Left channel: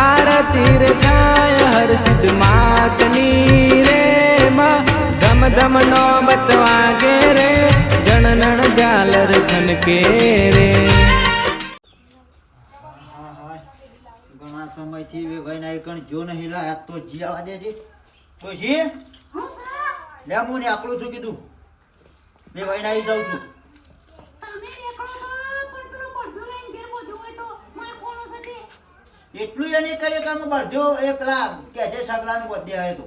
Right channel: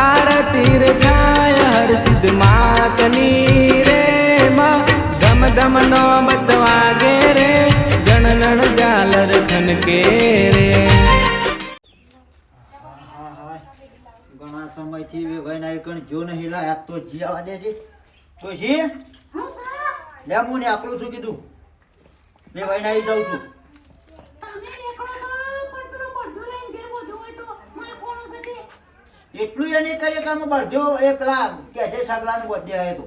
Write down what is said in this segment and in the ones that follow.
આરતી રે થાય હર સિદ્ધ માતની રે માં ધમ ધમ નો બતવાગે રે જણનણ જાલર ખનકે રે ઘણા સમયથી વે ભાઈ ના કણ જો નહીં લાયા તો જીવા દેજે તો જી લે હું ને આકડું છું કીધું બે ભાઈ ના જાઉં છું તમે નીકળો તો પણ પેલો બધું લઈને ઘેર બધું હોય તો મારે કોનો થશે એટલું એને કરે કામ બળજો એ પેલા કે છે સગલાનું વધે હે તો.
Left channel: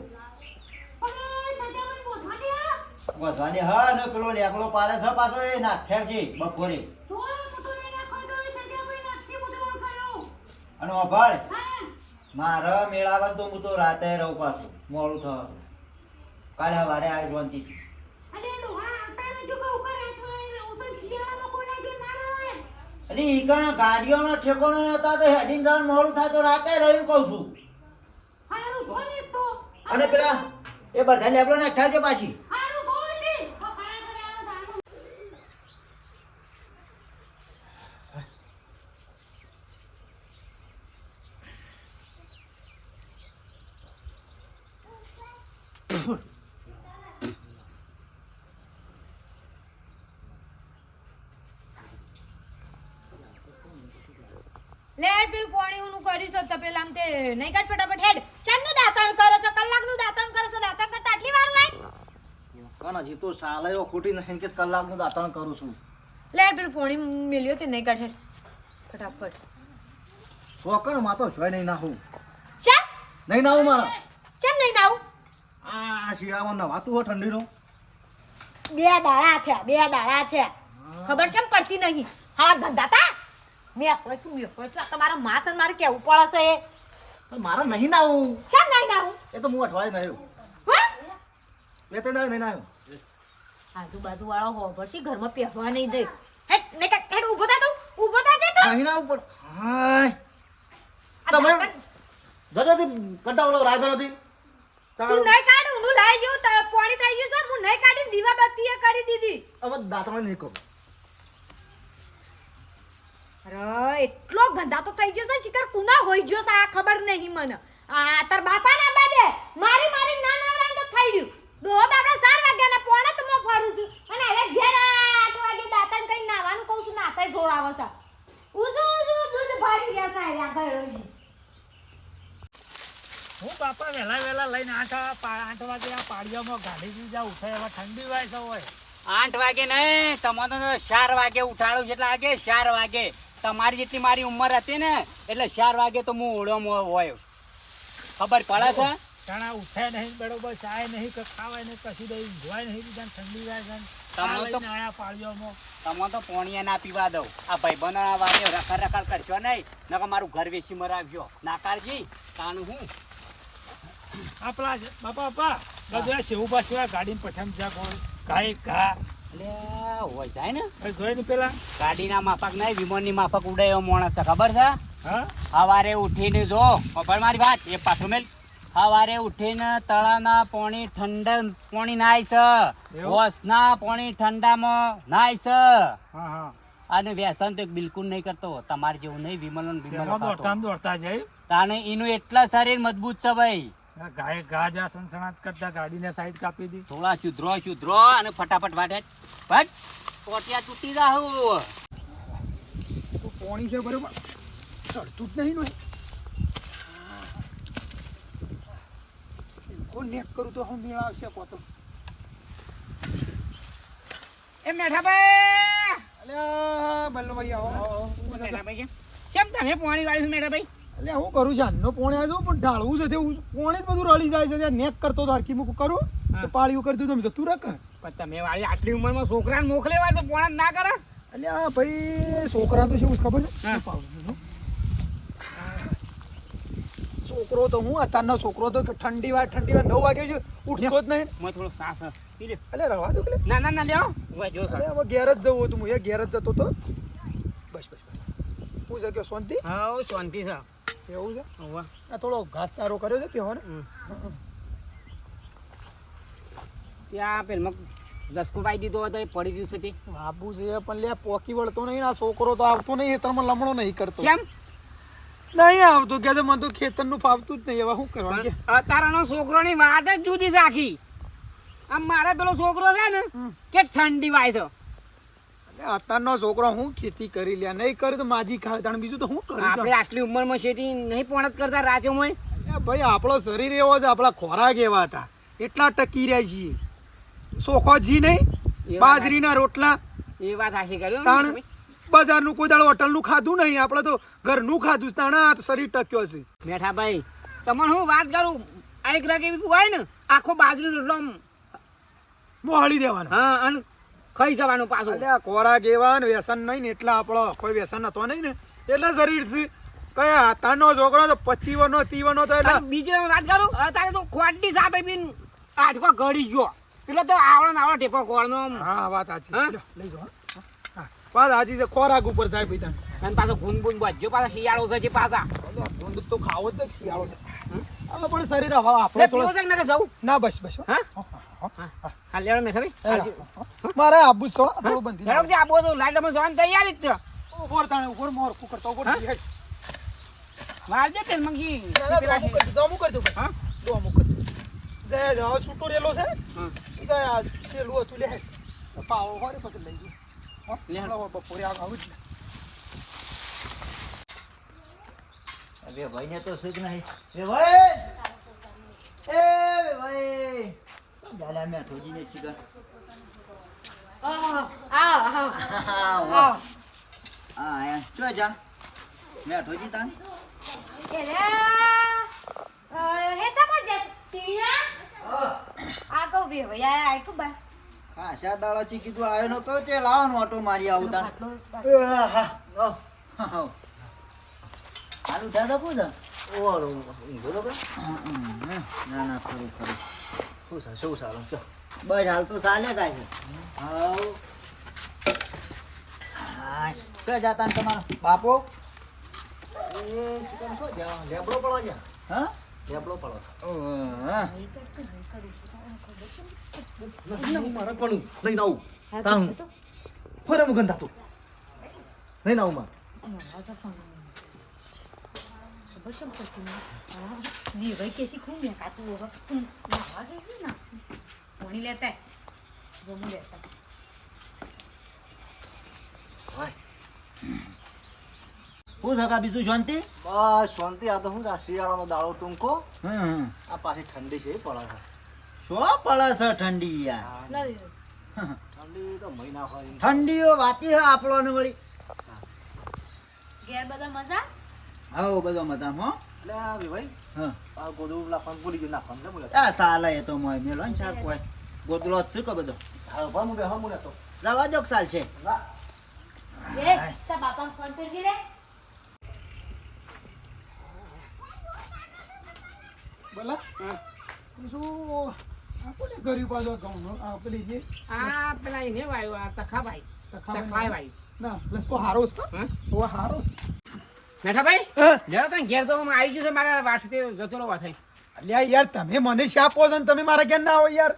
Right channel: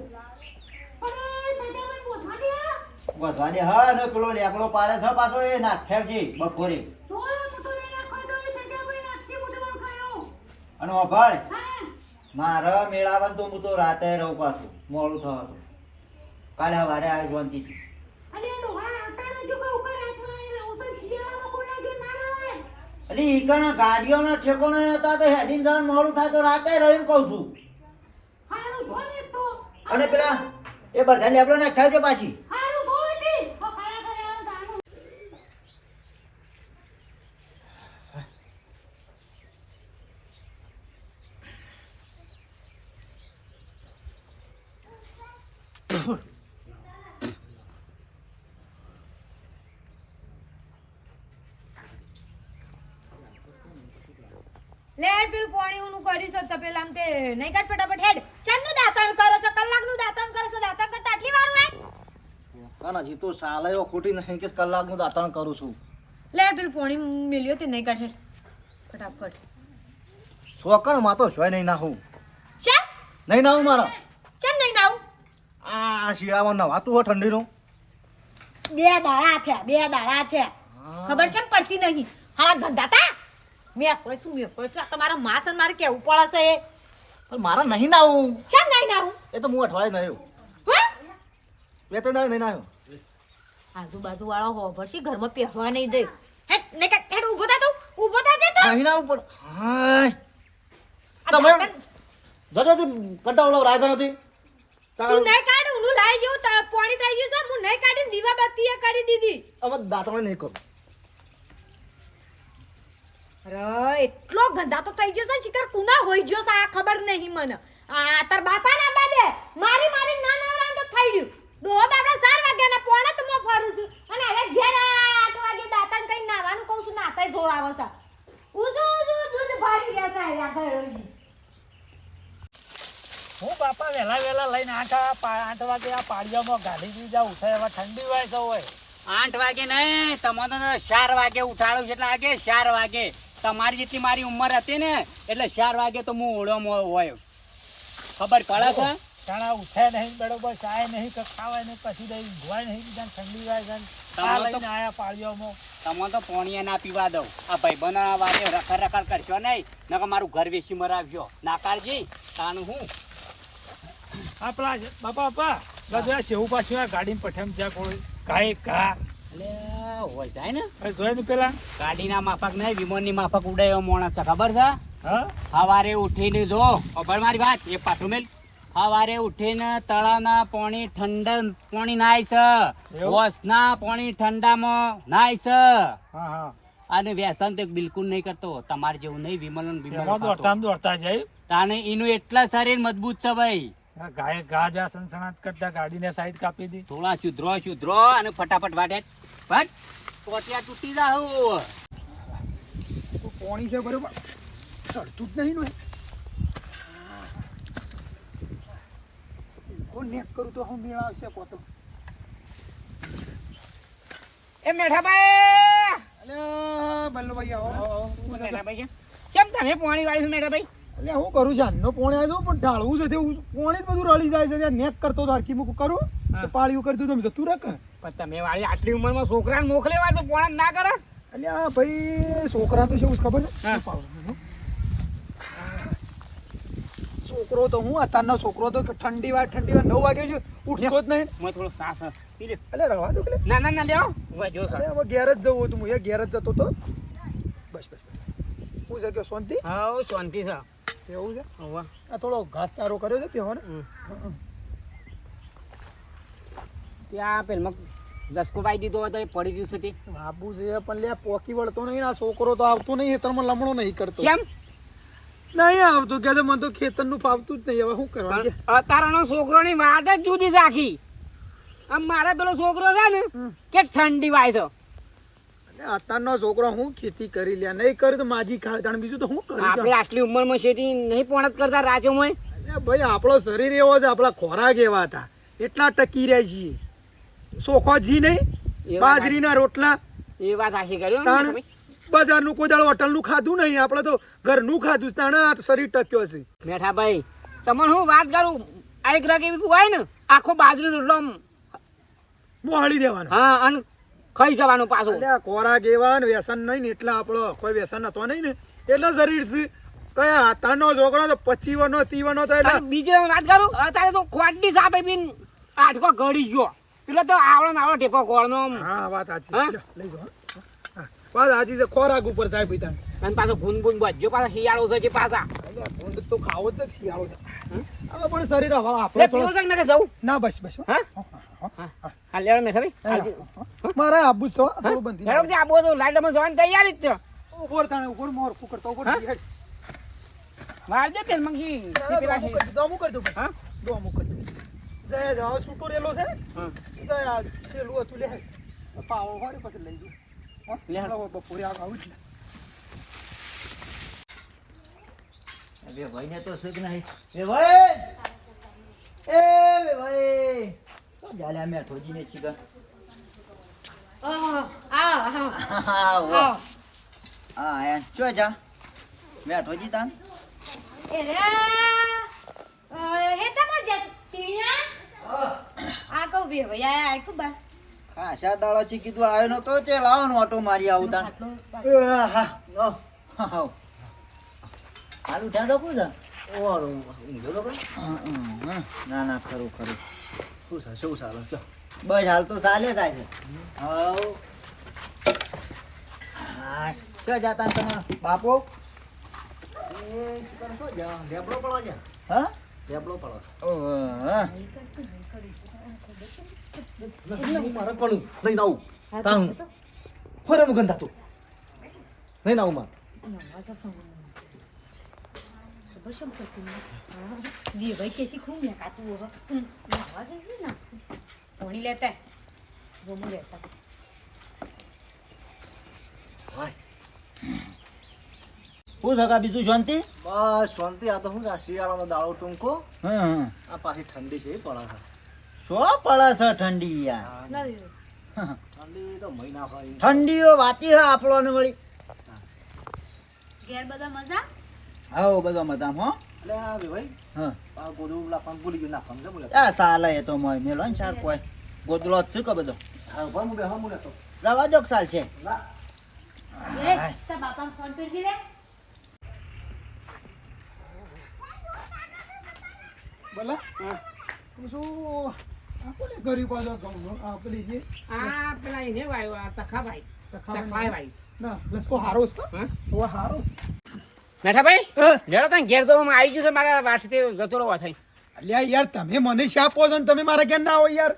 વધવા દે હા ને પેલો લેકડો પાડે છે પાછો એ નાખ્યા છે બપોરે. અને અભાળ મારે મારા મેળાવા તો હું તો રાતે રહું પાછું મોડું થવાનું. કાલે સવારે આવી શાંતિથી અરે ડોહા આવતા રહેજો કે ઉપર રાતમાં એ રહું તો શિયાળામાં કોઈના ઘેર ના રવાય એટલે ઈ કણ ગાડીઓના ઠેકોણા હતા તો હેડિંગ જવાનું મોડું થાય તો રાતે રહીને કહું છું. હારું જો ને તો. અને પેલા એ બધા આપણે નાખ્યા છે પાછી. હારું જો ને તો ખરા કરે આ દાણું લે પેલું પાણી ઊનું કર્યું છે તો પેલા નહીં કાઢ ફટાફટ હેડ. ચાંદનું દાંતણ કરો છે કલાકનું દાંતણ કરો છો દાંતણ કરતા આટલી વાર હોય? કાના જી તો સાલાયો ખોટી નહીં કે કલાકનું દાંતણ કરું છું. લે પેલું પોણી મેલ્યો તે નહીં કાઢ હેડ. ફટાફટ. સોકણમાં તો જોઈ નહીં નાહું ચા? નહીં નાહું મારા. ચમ નહીં નાહું આ શિયાળામાં નવાતું હોય ઠંડીનો. બે દાડા થયા બે દાડા થયા. ખબર છે પડતી નહીં. હા ધંધાતા મેં કોઈ શું મેં કોઈ શું? તમારા માસ મારે કેવું પડે છે એ? મારા નહીં નાવું ચા નહીં નાવું એ તો હું અઠવાડિયે નહીં હા? બે ત્રણ નહીં નહીં નાખ્યો આજુબાજુ વાળો હોભર છે ઘરમાં પહેરવા નહીં દે. હેટ ને હેડ ઊભો થા તું ઊભો થા જે તો. નહીં ના પણ હાય. તમે જજો તી કંટાળો રાજા નથી તું નહીં કાઢ ઊનું લાઈ જેવું ત- પાણી થઈ ગયું છે હું નહીં કાઢીને દીવા બત્તીએ કરી દીધી. હવે દાંતણ નહીં કરું. અરે એટલો ગંદા તો થઈ ગયો છે શિકાર કુના હોઈ ગયો છે આ ખબર નહીં મને. આ તાર બાપા ના બાદે મારી મારી ના નવરાન તો થઈ ગયું. ડોહા બાપડા ચાર વાગ્યાના પોણા તો હું ફરું છું. અને અરે ઘેર આઠ વાગે દાંતણ કઈ નાવાનું કહું છું નાતાય જોડાવો છે. ઉજુ ઉજુ દૂધ ભરી ગયા છે આ ઘરે હું બાપા વહેલા વહેલા લઈને આઠ આઠ વાગે આ પાડિયામાં ગાડી દી જાઉં ઉઠાય હવે ઠંડી હોય તો હોય આઠ વાગે નહીં તમને તો ચાર વાગે ઉઠાડું છે એટલે આગે ચાર વાગે. તમારી જેટલી મારી ઉંમર હતી ને એટલે ચાર વાગે તો હું ઓળોમાં હોય. ખબર પડે છે? તાણા ઉઠે નહીં બરોબર ચાય નહીં કે ખાવાય નહીં કશું દઈ ધોવાય નહીં બીજા ઠંડી જાય તમારે ચા તો- આયા તમે તો પોણીએ ના પીવા દઉં. આ ભાઈબંધો વાગે રખડ રખડ કરશો નહીં નકર મારું ઘર વેચી મરાવજો. નાકારજી તાનું હું? આપણા બાપા બાપા બધા સેવું પાછું આ ગાડીમાં પઠામ જ્યાં કોઈ કાંઈ કા એટલે હોય જાય ને. હવે જોઈ ને પેલા. ગાડીના માફક નહીં વિમાનની માફક ઉડાયો છે ખબર છે? સવારે ઉઠીને જો મારી વાત? એ પાછું મેલ. સવારે ઉઠીને તળાના પાણી ઠંડા પાણી નાય છે. એવું? પાણી ઠંડામાં નાય છે. અને વ્યસન તો બિલકુલ નહીં કરતો તમારે જેવું નહીં વિમલ દોડતા દોડતા જાય. તાને એનું એટલા શરીર મજબૂત છે ભાઈ. ગાય ગાજા સનસનાટ કરતા ગાડીને સાઈડ કાપી દી. થોડા સુધરો સુધરો અને ફટાફટ વાટે. ફટ કોટિયા તૂટી જાવ પોણી છે બરોબર? ચડતું જ નહીં ને કોણ નેક કરું તો હું મેળ આવશે પોતો એ મેઠાભાઈ! અલ્યા બલ્લુભાઈ આવો. મેઠાભાઈ કેમ તમે પોણી વાળી મેઠાભાઈ? એટલે હું કરું છું આનો પોણે આવ્યો પણ ઢાળવું છે તેવું પોણે જ બધું રળી જાય છે. ત્યાં નેક કરતો તો હરકી મૂકું કરું તો પાળીયું કરી દીધું તમે જતું રખ. પણ તમે વાળી આટલી ઉંમરમાં છોકરાને મોકલેવા તો પોણા ના કરે? એટલે આ ભાઈ છોકરા તો છે એવું ખબર છે? છોકરો તો હું અત્યારનો છોકરો તો ઠંડી વાર ઠંડી વાર નવ વાગે છે ઉઠતો જ નહીં. મેં થોડો સાસ એટલે રવા દો એટલે ના ના ના લ્યો. જો હવે ઘેર જ જવું હતું હું એ ઘેર જ જતો તો. બસ બસ બસ. હું કે શાંતિ? હા શાંતિ છે. એવું છે? આ થોડો ઘાસચારો કર્યો છે પીવાનો. ત્યાં પેલમાં દસકો પાઈ દીધો હોય તો એ પડી ગયું છે તે. બાપુ છે પણ લે પોકી વળતો નહીં આ છોકરો તો આવતો નહીં તમે લમણો નહીં કરતો. કેમ? નહીં આવતું કે મને તો ખેતરનું ફાવતું જ નહીં. હવે શું કરવાનું? અત્યારનો છોકરોની વાત જ જુદી રાખી આમ મારા પેલો છોકરો છે ને કે ઠંડી વાય છે. અત્યારનો છોકરો હું ખેતી કરી લે નહીં કરી તો માજી ખાય. તાણ બીજું તો હું કરું આપણે આટલી ઉંમરમાં શેતી નહીં પણ કરતા રાજ્યોમાં? ભાઈ આપણો શરીર એવો છે આપણા ખોરાક એવા હતા. એટલા ટકી રહ્યા છીએ. સોખો જી નહીં? બાજરીના રોટલા. એ વાત હાશી કર્યો બજારનું કોઈ દાળ હોટલનું ખાધું નહીં. આપણે તો ઘરનું ખાધું તાણે શરીર ટક્યો છે. મેઠા ભાઈ તમને હું વાત કરું? આ એક રગ એવી હોય ને આખો બાજરી રોટલો મોહળી દેવાના. હા અને ખાઈ જવાનું પાછું? એટલે કોરા ખોરાક એવા ને વ્યસન નહીં ને એટલે આપણો કોઈ વ્યસન હતો નહીં ને. એટલે શરીર છે. કયા હાથાનો છોકરો તો પચીવનો ત્રીવનો તો એટલે બીજે વાત કરું? અત્યારે તો ખોટી સાપે બીન આઠકો ગળી ગયો. એટલે તો આવડો ને આવડો ટેકો કોળનો હા વાત સાચી. લઈ જો વાત સાચી છે. ખોરાક ઉપર થાય તને. અને પાછો ગુન ગુન બજ્યો પાછા શિયાળો છે પાછા? અલ્યા, તો ખાવો જ શિયાળો છે. હવે પણ શરીર હવે આપણો જવું? ના બસ બસ હા. હા, હા, હા લેવાનું ભાઈ હા. મારે આબુ છો થોડું બંધી હેડો જે આબુ તો લાઈટમાં જવાની તૈયારી જ છે. ઉપર તાણે ઉપર મોર કુકર તો ઉપર મારજે તેલ મંગી પેલા દોમું કરજો હા? દોમું કરજો જય જાવ છૂટો રેલો છે હા. જય આ છેલું હતું લે. પાવો હોરે પછી લઈ ગયો લે હો બપોરે આવું જ અરે ભાઈ ને તો સુખ નહીં. એ ભાઈ! એ ભાઈ! ગાલા મેં ઠોજી નહીં છીગા આવો આવો આવો આ યાર ચો જા બેઠો જી તાન એલા હે તમર આ કો બે ભયા આય કો બા ખાસા દાડા ચી કીધું આવ્યો નો તો તે લાવવાનો ઓટો મારી આવું તા હા હા આલુ ઢા દો પૂજા ઓરો ઊંઘો તો ના ના ખરું ખરું શું સારું શું સારું ચો બસ હાલ તો ચાલે થાય છે. હા ક્યાં જાતા તમારો બાપો? ઢેબડો પડો છે. હા. ઢેબડો પડો મારે પણ લઈને આવું. તાણું. ફરે ગંધાતું લઈને આવું જઈએ लेता है લેતા જમું લેતા શું થકા બીજું શાંતિ? બસ શાંતિ. આ તો શું શિયાળાનો દાડો ટૂંકો. હમ હમ. આ પાછી ઠંડી છે એ પડે છે. શો પડે છે ઠંડી યાર? ઠંડી તો મહિના હોય. ઠંડીઓ વાતી હે આપણને વળી. ઘેર બધા મજા? આવો બધા મજામાં હો. ગોદલો શું કહો બધો? રવા દો સાલ છે? બોલા. શું આપણે ગરીબ પાછો ઘઉં આ પેલી જે? આ પેલા એને વાયો આ તખાભાઈ. તખાભાઈ ના લસકો હારો છે હા. હારો છે. મેઠા જરા. તને ઘેર તો આવી ગયું છે મારા વાટથી જતો રહો થઈ અલ્યા યાર તમે મને શાપો છો ને તમે મારા ઘેર ના આવો યાર.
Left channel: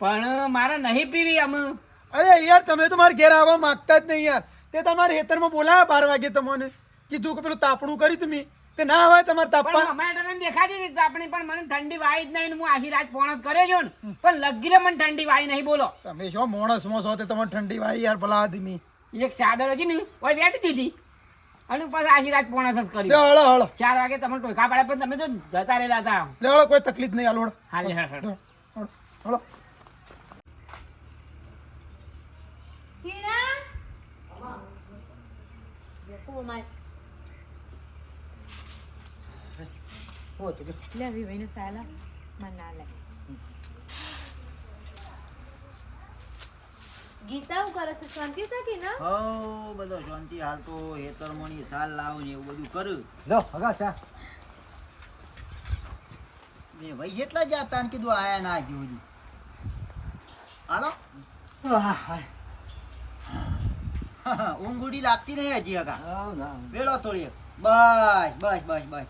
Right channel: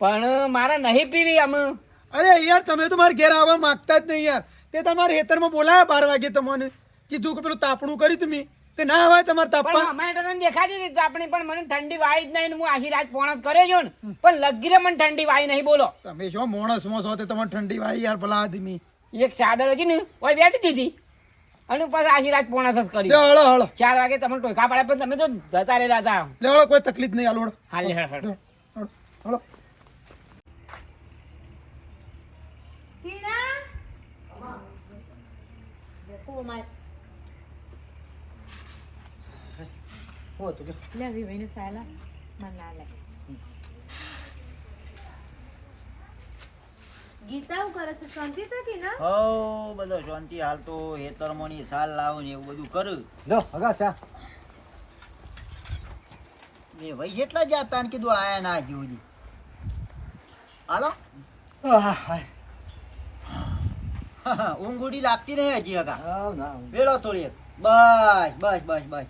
પણ મારા નહીં પીવી અમે અરે યાર તમે તો મારા ઘેર આવવા માંગતા જ નહીં યાર. તે તમારે હેતરમાં બોલાયા બાર વાગે તમને. કીધું કે પેલું તાપણું કર્યું તમે તે ના હોય તમારે તાપવા અમારે તને દેખાતી હતી તાપણી પણ મને ઠંડી વાઈ જ નહીં હું આખી રાત પોણસ કર્યો છો ને. પણ લગી રે મને ઠંડી વાઈ નહીં બોલો. તમે શું મોણસમાં છો તે તમારે ઠંડી વાય યાર ભલા આદમી. એક ચાદર હતી ને ઓય બેઠી દીધી. અને પાછા આશીર્વાદ પોણા સસ કરી હળો હળો. ચાર વાગે તમને ટોકા પાડે પણ તમે તો જતા રહેલા હતા લે હળો કોઈ તકલીફ નહીં હાલો હા લે હળો હળો. લે ભાઈ ભાઈને સાયલા મને ના લાગે. ગીતા હું કરે છે? શાંતિ છે કે હો બધો શાંતિ હાલ તો હેતરમોની સાલ લાવું ને એવું બધું કરું. લો હગા ચા. એ ભાઈ જેટલા જાતા ને કીધું આયા ના હજી. હાલો. ઊંઘ લાગતી નહીં હજી હગા. વેળો થોડી બસ બસ બસ બસ.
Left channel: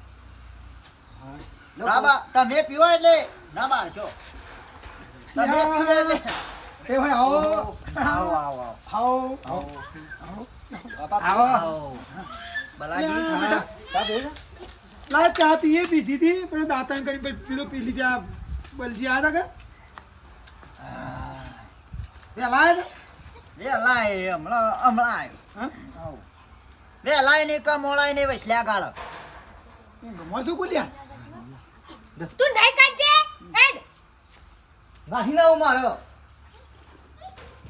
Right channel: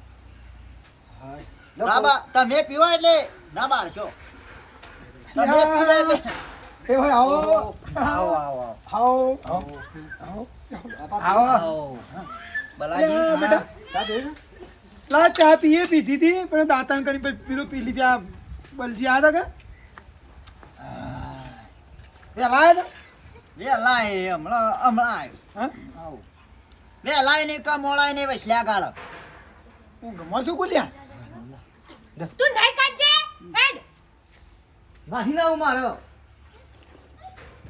હાય. લો, ના બા તમે પીવા એટલે ના બાળશો. તમે પીવા એટલે એ હોય આવો આવો આવો આવો આવો આવો બલાજી ચા દે લા પીધી હતી પણ દાંતણ કરી પીધું પી લીધી આ બલજી આવ્યા કે વેલા આવ્યા હતા વેલા હમણાં હમણાં આવ્યો આવો વેલાય નહીં કા મોળાય નહીં વસલ્યા ગાળા ગમો શું કોલ્યા નહીં કાઢજે મારો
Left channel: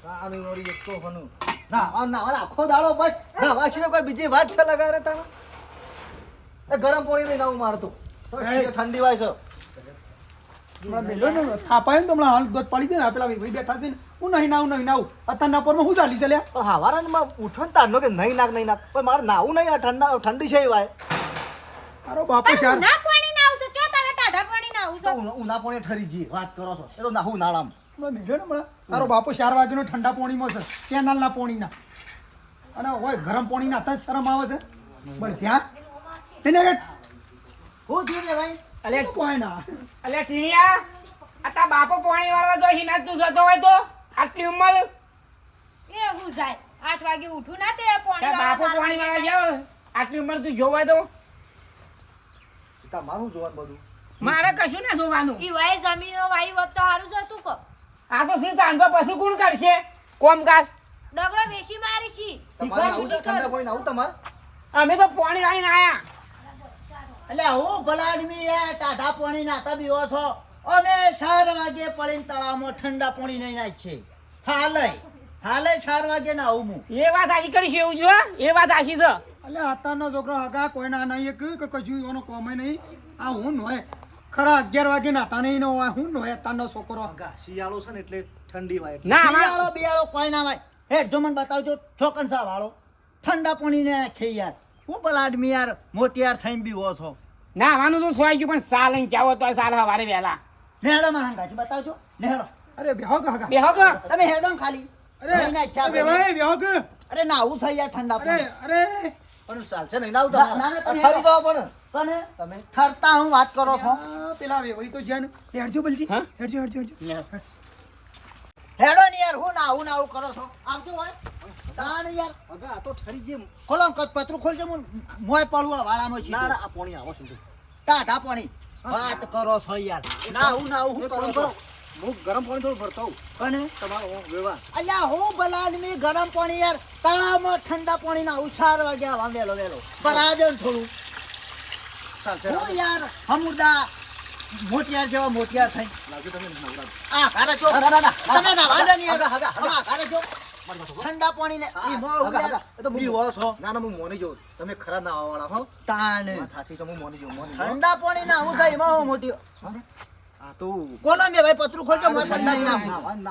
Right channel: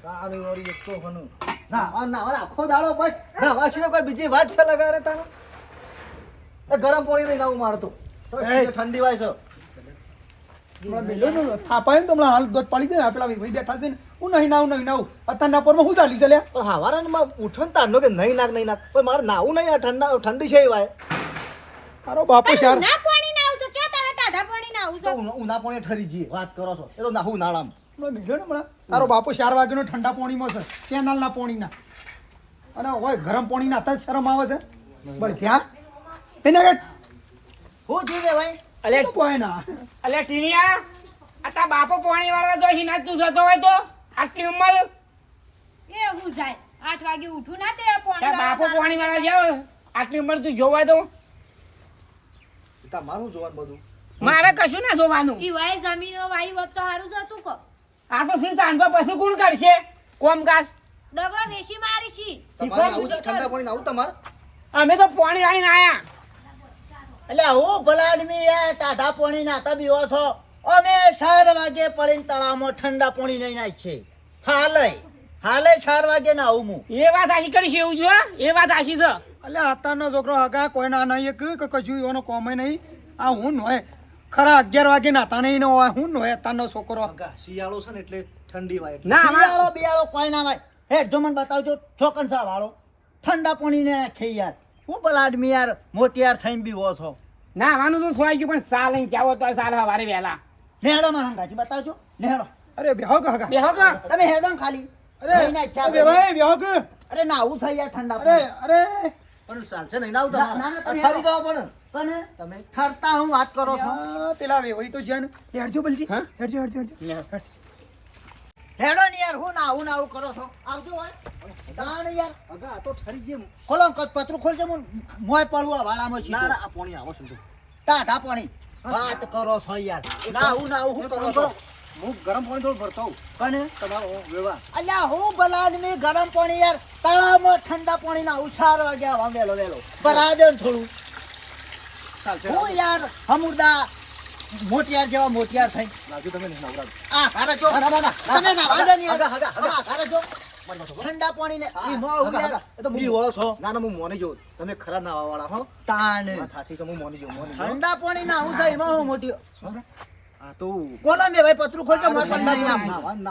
તારું વળી એક તો હનું ના આ ના આ આખો દાડો બસ. ના આ સિવાય કોઈ બીજી વાત છે લગાડે તારે? એ ગરમ પાણી લઈને આવું મારતો ઠંડી વાય છે. હમણાં મેલ્યો ને થાપાય ને તો હમણાં હાલ દોધ પડી જાય ને પેલા ભાઈ બેઠા છે ને હું નહીં નાવું નહીં નાવું. અત્યારના પરમાં શું ચાલી ચાલ્યા પણ હવારે ને માં ઉઠો ને તારનો કે નહીં નાખ નહીં નાખ. પણ મારે નાવું નહીં આ ઠંડા ઠંડી છે એ વાય. તારો બાપુ શાર. પાણી ચો તારા ટાઢા પાણી ના તો આવશો ઉના- પાણી ઠરી જઈએ વાત કરો છો. એ તો નાહું નાળામ હમણાં મેળ્યો ને હમણાં? તારો બાપો ચાર વાગ્યાનો ઠંડા પાણીમાં છે કેનાલના પાણીના. અને હોય ગરમ પાણી નાતા જ શરમ આવે છે. બળ ત્યાં? તેને કે શું થયું રે ભાઈ? અલે કોઈના અલે ટીણિયા આ તા બાપો પોણી વાળા તો હિના તું જતો હોય તો આટલી ઉંમર? એ હું જાય. આઠ વાગે ઉઠું ના તે પોણી બાપો પાણી જાવ આટલી ઉંમર તું જોવાય તો તમારું જોવાનું બધું. મારે કશું ના જોવાનું. ઈ વાય જમીનો વાય હોત તો સારું જતું કો આ તો શું તાંડો પછી કોણ કાઢશે? કોમકાજ ડગલો વેશી મારી છી તમારે આવું છે? ઠંડા પાણી નાવું તમારે? અમે તો પાણી વાળીને આયા. એટલે હું ભલા આદમી એ ટાઢા પાણી નાતા બીવો છો? અમે ચાર વાગે પડીને તળાવમાં ઠંડા પાણી લઈને આવી છે હાલે હાલે ચાર વાગે ના આવું હું. એ વાત આશી કરીશ એવું જો એ વાત આશી છે. એટલે અત્યારનો છોકરો હગા કોઈના નહીં કે કે કશું એનો કોમે નહીં. આ હું નોય. ખરા અગિયાર વાગે નાતા નહીં નો હોય હું નોય તાનો છોકરો. શિયાળો છે ને એટલે ઠંડી વાય. ના શિયાળો બિયાળો કોઈ ના હોય હે જો મને બતાવજો છોકન સા વાળો. ઠંડા પાણી ને ખે યાર. હું ભલા આદમી યાર મોટી યાર થઈને બીવો છો. ના વાનું તો સોય ગયું પણ સાલ લઈને જાવ તો સાલ હવારે વહેલા. નેહડો માં હંગાજી બતાવજો. નેહડો. અરે બેહો કે હગા બેહો કે તમે હેડો ખાલી. અરે ના ઈચ્છા અરે ભાઈ બેહો કે અરે ના આવું થઈ યાર ઠંડા અરે અરે. પણ ચાલશે નહીં નાવું ના, ના, ના, તમે ફરી જવા પણ. પણ તમે ઠરતા હું વાત કરો છો. પેલા વેવાઈ તો જ્યાં હેડજો બલજી. હેડજો હેડજો હેડજો. હેડો ને યાર હું ના આવું કરો છો. આવજો હોય. તાણ યાર. અગા આ તો ઠરી ગઈ ખોલો કચ પતરું ખોલજો હું મોય પડવું વાળામાં ના ના આ પાણી આવો છું ટાઢા પાણી. વાત કરો છો યાર. ના હું ના હું કરો છો. હું ગરમ પાણી થોડું ભરતો અને? તમારો વ્યવહાર. અલ્યા હું બલાદમી ગરમ પાણી યાર તળાવમાં ઠંડા પાણી ના ઉછાર વાગ્યા આવા વેલો વેલો પરા દે થોડું. હું યાર હમુરદા મોટિયાર જેવા મોટિયાર થઈ. લાવજો તમે નહીં આ જો. ના, ના. તમે ના વાંધો નહીં હગા. આ જો. ઠંડા પાણી ને મોં છો હું મોની જોઉં. તમે ખરા ના વાળા હો. તાણ. વાત તો હું મોની જોઉં મોની ઠંડા પાણી ના હું થાય એમાં હું મોટી. કોના મેં ભાઈ? પતરું ખોલજો મોય ઠંડા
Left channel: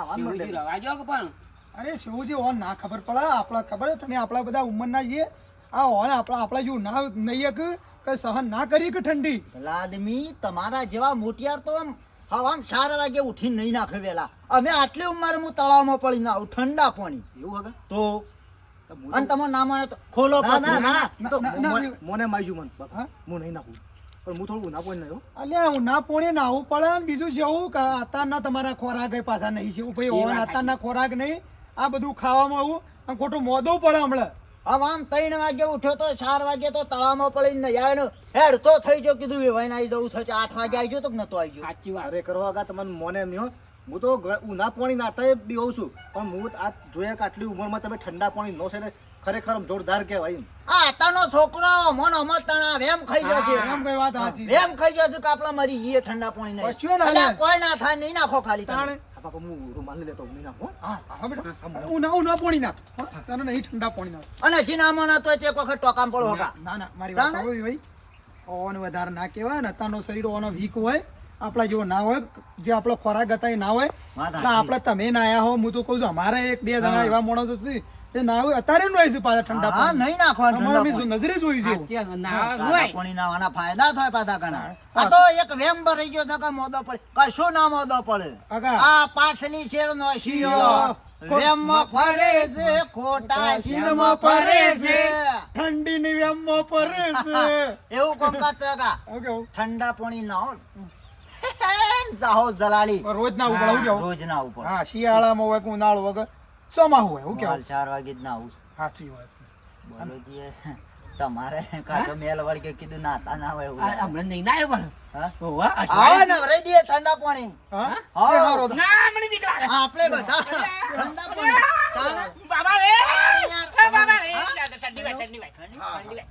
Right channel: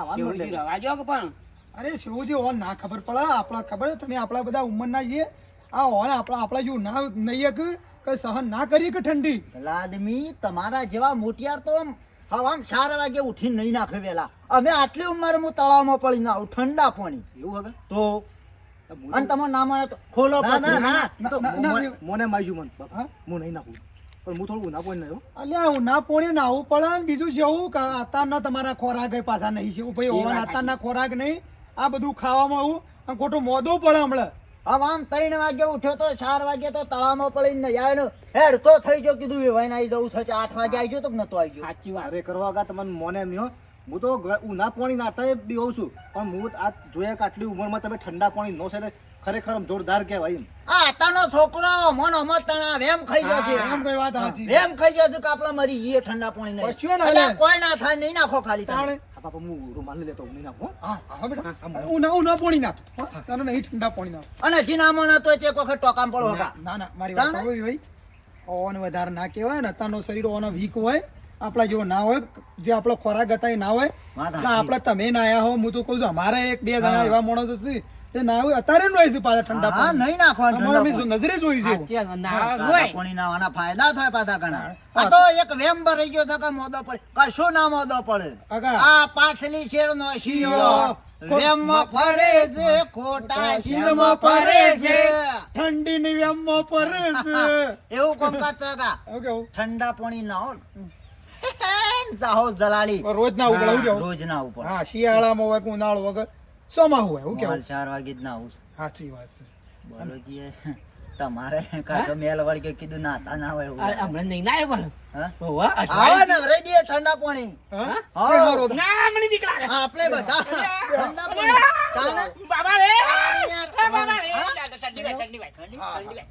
પડી કે પણ? અરે શિવજી ઓન ના ખબર આપણા ખબર તમે આપણા બધા ઉંમરના છીએ. આ ઓન આપણા આપણા જેવું ના નહીં કે કઈ સહન ના કરી કે ઠંડી? આદમી તમારા જેવા મોટિયાર તો હવામ ચાર વાગે ઉઠી નહીં નાખે વેલા. અમે આટલી ઉંમર હું તળાવમાં પડી ના ઠંડા પાણી. એવું હવે? તો? તો અને તમે ના મળે તો ખોલો ના ના તો મોને- ના. મન. હું નહીં નાખું. પણ હું થોડું ઉના પોણી નહીં હો. અલ્યા હું ના પોણે નાવું પડે ને બીજું કે અત્યારના તમારા ખોરાક એ પાછા નહીં છે. ભાઈ એ ઓન અત્યારના ખોરાક નહીં આ બધું ખાવામાં આવું અને ખોટું મોદું પડે હમણાં. હવે આમ ત્રણ વાગે ઉઠ્યો તો ચાર વાગે તો તળાવમાં પડીને જાય ને હેડ તો થઈ ગયો કીધું વેવાઈને આવી જવું થશે આઠ વાગે આવી ગયો તો નતો આવી ગયો. સાચી વાત. અરે કરવા આગા તમને મોને એમ નહીં હું. તો ઉના પાણી નાતા બી હોઉં છું પણ હું આ જોયા કે આટલી ઉંમરમાં તમે ઠંડા પાણી નો છે એટલે ખરેખર જોરદાર કહેવાય એમ. આ અત્યારનો છોકરો મન મત તણા વેમ ખાઈ ગયો છે. એમ કઈ વાત સાચી. વેમ ખાઈ ગયો છે કે આપણે મરી જઈએ ઠંડા પાણી નહીં. કશું ના કોઈ ના થાય નહીં નાખો ખાલી તાણે. બાપા હું રૂમાલ લેતો હું નાખો હા. હા બેટા. હું ના હું ના પોણી નાખો. તને નહીં ઠંડા પાણી નાખ. અને જીના ના તો એક વખત ટોકામ પડો હતા. ના ના મારી વાત હોય ભાઈ. ઓન વધારે ના કહેવાય ને અત્યારનો શરીર ઓનો વીક હોય આપણા જેવો ના હોય જે આપણો ખોરાક હતા એ ના હોય. એટલે આપણે તમે ના આયા હો હું તો કહું છું અમારે એક બે જણા એવા માણસો છે તે ના હોય અત્યારે નો છે પાછા ઠંડા હા નહીં નાખવાનું અમારે અમે નજરે જોયું છે. એવું. સાચી વાત. ના હોય. પાણી નાવાના ફાયદા થાય પાછા ઘણા. આ તો એક વેમ રહી ગયો છે કે મોદો પડે. કશું ના મોદો પડે. આ પાછલી છેડ નો શિયો. વેમમાં ફરે છે ખોટા શીલમાં ફરે છે. ઠંડી ની વ્યામમાં ફરે છે. એવું કોમકાજ છે કા હું કેવું ઠંડા પાણી ના હો જાહો જલાલી. રોજ ના કેવું રોજ ના ઉપર. હા શિયાળામાં હોય ઉનાળો વગર. સોમાં હોય હું કેવું ચાર વાગે જ ના આવું સાચી વાત છે બોલો જીએ. તમારે કાંતો મેલ વળગે કીધું નાતા ના હોય એવું આ લાગે. નહીં ના આવ્યો પણ હા? ઓવા, આ નવરાઈ દઈએ ઠંડા પાણી હા હા. તો. ના, મને નીકળા. આપણે બધા ઠંડા પાણી તાને બાબા રે! બાબા રે! ઠંડી વાય, ઠંડી વાય, ઠંડી વાય.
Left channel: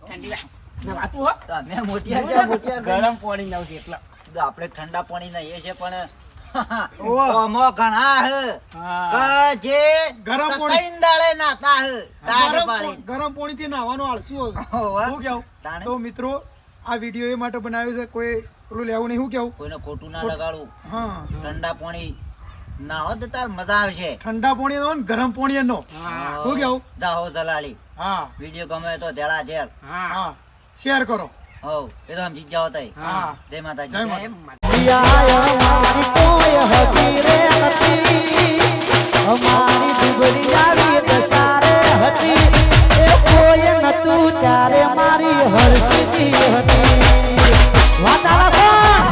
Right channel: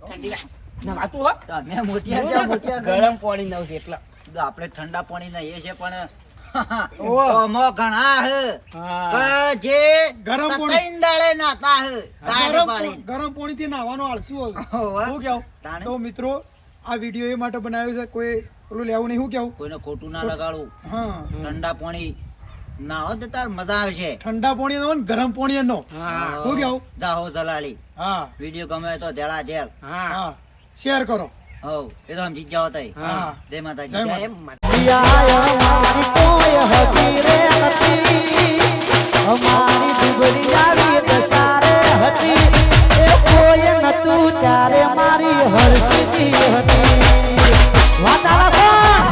ઠંડી વાય. નવાતું હો. તમે મોટિયા મોટિયા ગરમ પાણી નાવ છે એટલે આપણે ઠંડા પાણી ના એ છે પણ ઓવા. આમાં ઘણા હે. હા. જે ગરમ પાણી. તતૈન નાતા હે. ગરમ પાણી. ગરમ પાણી થી નાવાનો આળસુ. શું કેવું? તો મિત્રો આ વિડિયો એ માટે બનાવ્યો છે. કોઈ પેલું લેવું નહીં શું કેવું? કોઈને ખોટું ના લગાડવું. હા. ઠંડા પાણી ના હોય તો તાર મજા આવશે. ઠંડા પાણી નો ગરમ પાણી નો હું. શું કેવું? જાહો જલાલી હા. વીડિયો ગમે તો ધેડા ધેડ હા. હા. શેર કરો. હો એ તો સમજી જાઓ તઈ હા. જય માતાજી. જય માતા અમારી દુબળી આવી દસારે હતી એ કોઈ નતું ત્યારે મારી હરસી હતી વાતાવરણ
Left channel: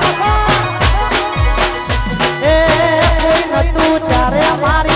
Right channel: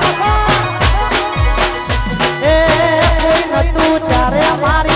એ કોઈ નતું ત્યારે મારી